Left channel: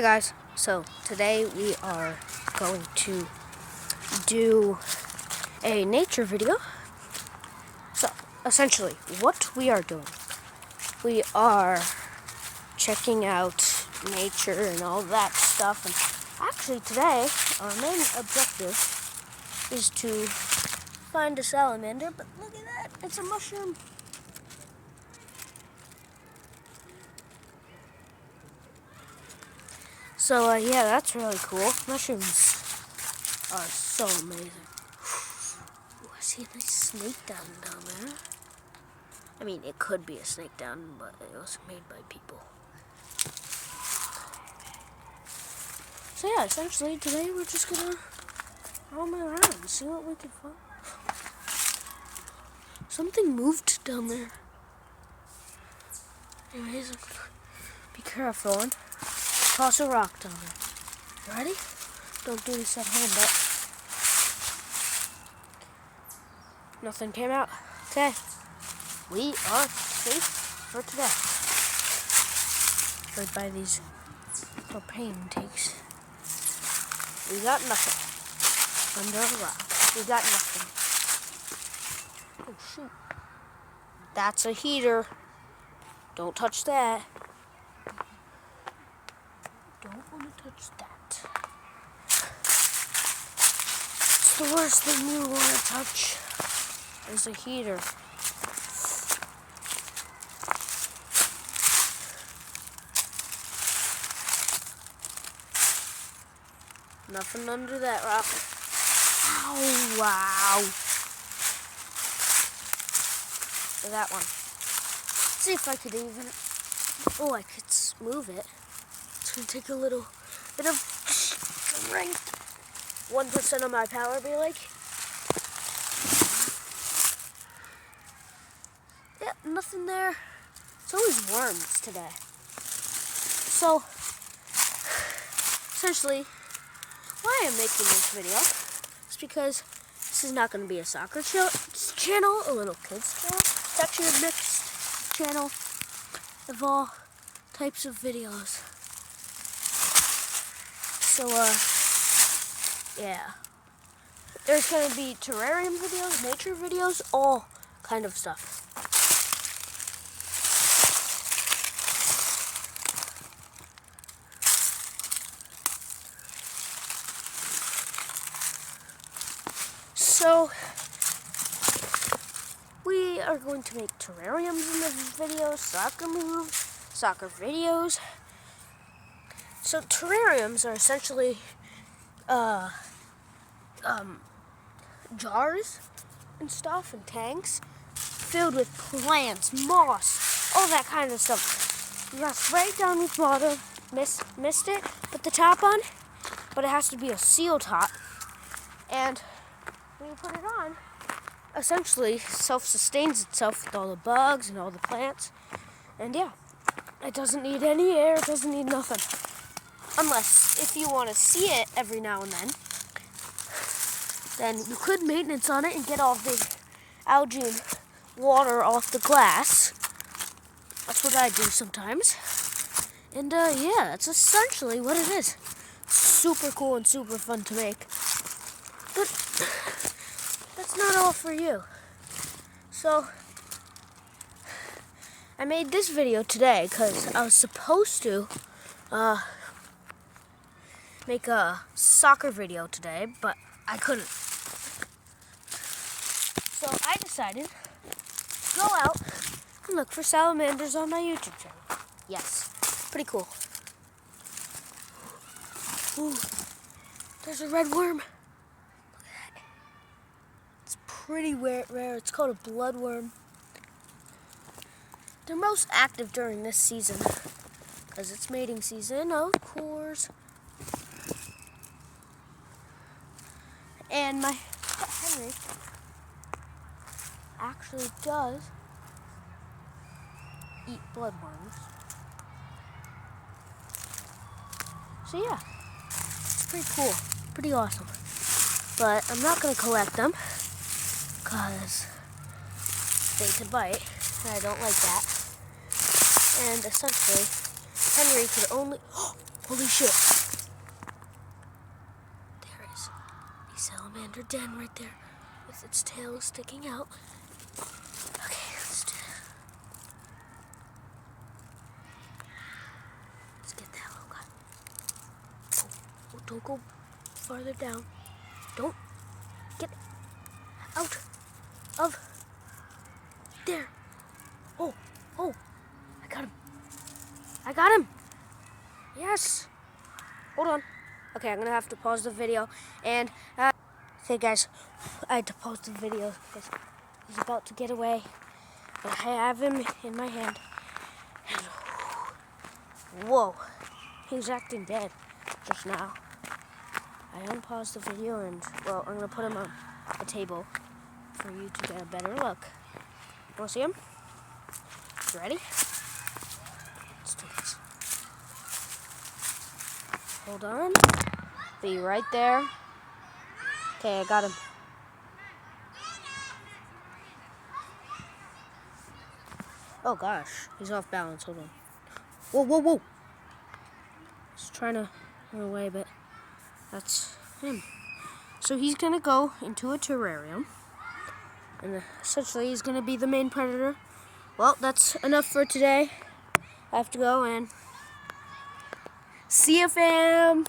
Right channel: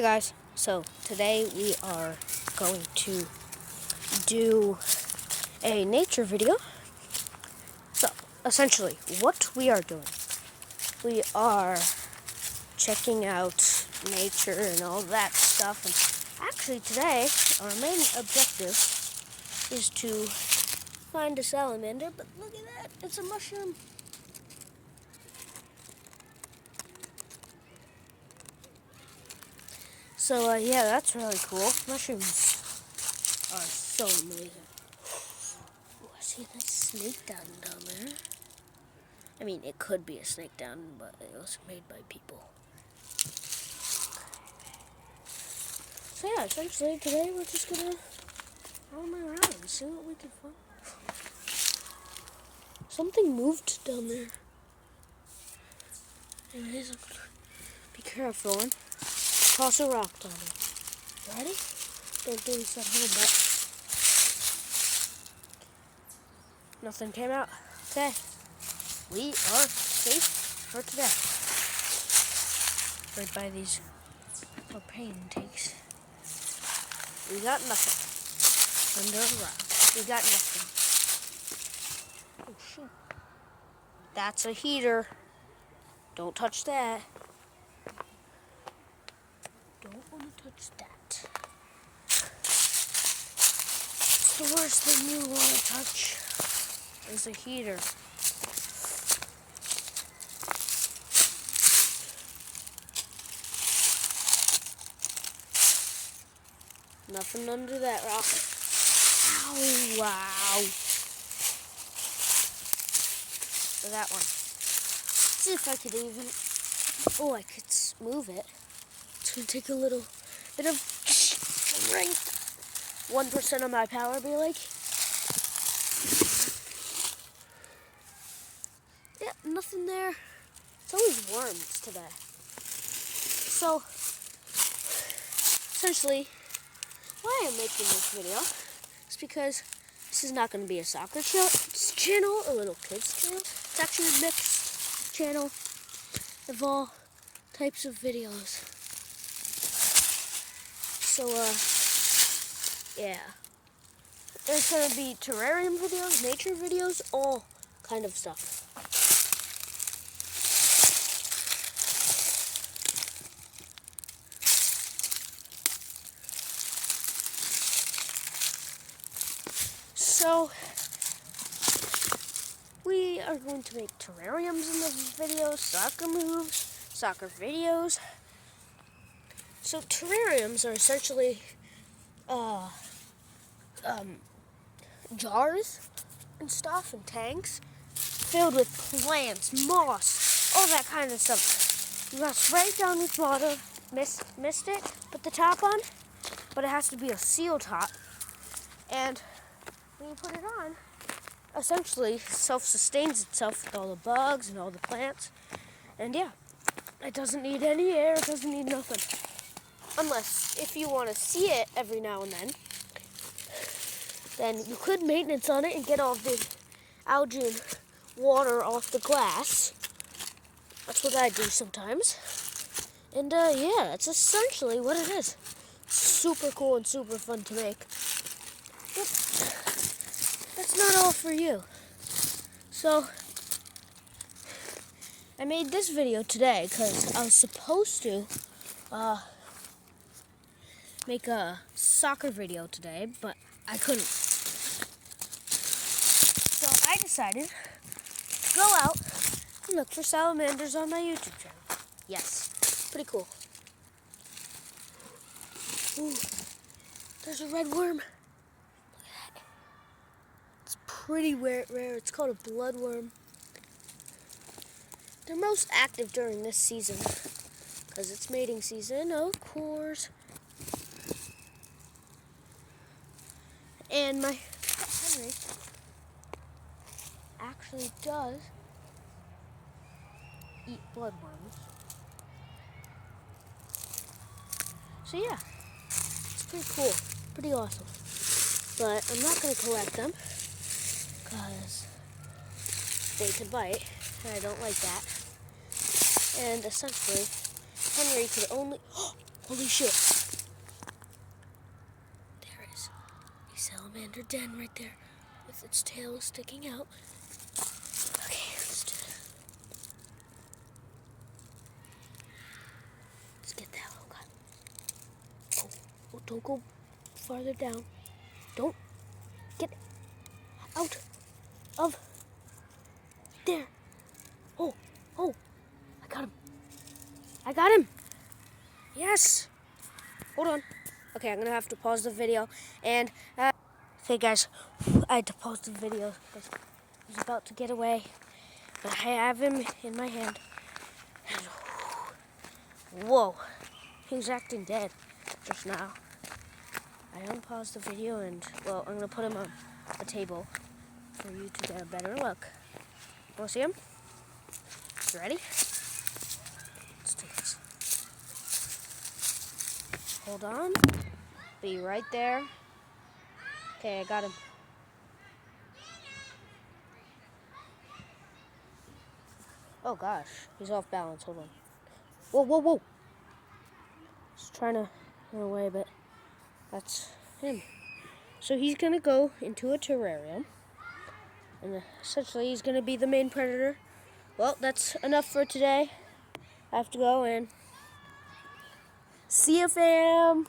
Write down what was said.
Hey guys, so today we are going to do a nature video. So essentially what we are doing, we are checking out nature and all that stuff, and actually today our main objective is to find a salamander, but look at that, it's a mushroom. So yeah, that's really cool. Mushrooms are so amazing. Oh, I see a nice snake down there. I mean, it could be a snake down, but it was made by people. So yeah, essentially today we're just gonna roam around and see what we can find. Something moved down there. Anyways, be careful and toss a rock down there. You ready? Don't do this at home, but nothing came out. Okay, we are safe for today. Right by these propane tanks. We got nothing. Under the rock. We got nothing. Oh shoot. That's a heater. Don't touch that. Don't want to touch that. It's the worst thing you want to touch is a heater. Nothing under that rock. Ow, wow. For that one. Let's see if I could even, oh, I could move it. It's gonna take a little bit of strength. 1% of my power, be like. Yep, nothing there. It's always worms today. So, essentially, why I'm making this video is because this is not going to be a soccer channel, a little kids channel. It's actually a mixed channel of all types of videos. So, yeah. There's going to be terrarium videos, nature videos, all kind of stuff. So, we are going to make terrariums in this video, soccer moves, soccer videos. So terrariums are essentially jars and stuff and tanks filled with plants, moss, all that kind of stuff. You rest right down the bottom, missed it, put the top on, but it has to be a seal top. And when you put it on, essentially self-sustains itself with all the bugs and all the plants. And yeah, it doesn't need any air, it doesn't need nothing. Unless, if you want to see it every now and then you could maintenance on it and get all the algae and water off the glass. That's what I do sometimes. And yeah, that's essentially what it is. Super cool and super fun to make. But that's not all for you. So, I made this video today because I was supposed to make a soccer video today, but I couldn't. So I decided to go out and look for salamanders on my YouTube channel. Yes, pretty cool. Ooh, there's a red worm. Pretty rare. It's called a bloodworm. They're most active during this season, as it's mating season, of course. And my Henry actually does eat bloodworms. So yeah, it's pretty cool, pretty awesome. But I'm not gonna collect them, because they could bite, and I don't like that. And essentially, Henry could only... Holy shit. There is a salamander den right there with its tail sticking out. Okay, let's do it. Let's get that little guy. Oh, don't go farther down. Don't get out of there. Oh, I got him. I got him. Yes. Hold on. Okay, I'm gonna have to pause the video. And, okay guys, I had to pause the video because he's about to get away. But I have him in my hand. And, whoa, he was acting dead just now. I unpaused the video and, well, I'm gonna put him on the table for you to get a better look. Wanna see him? You ready? Let's do this. Hold on. Be right there. Okay, I got him. Oh gosh, he's off balance. Hold on. Whoa. He's trying to run away, but that's him. So he's gonna go into a terrarium. And essentially he's gonna be the main predator. Well, that's enough for today. I have to go and see you, fam.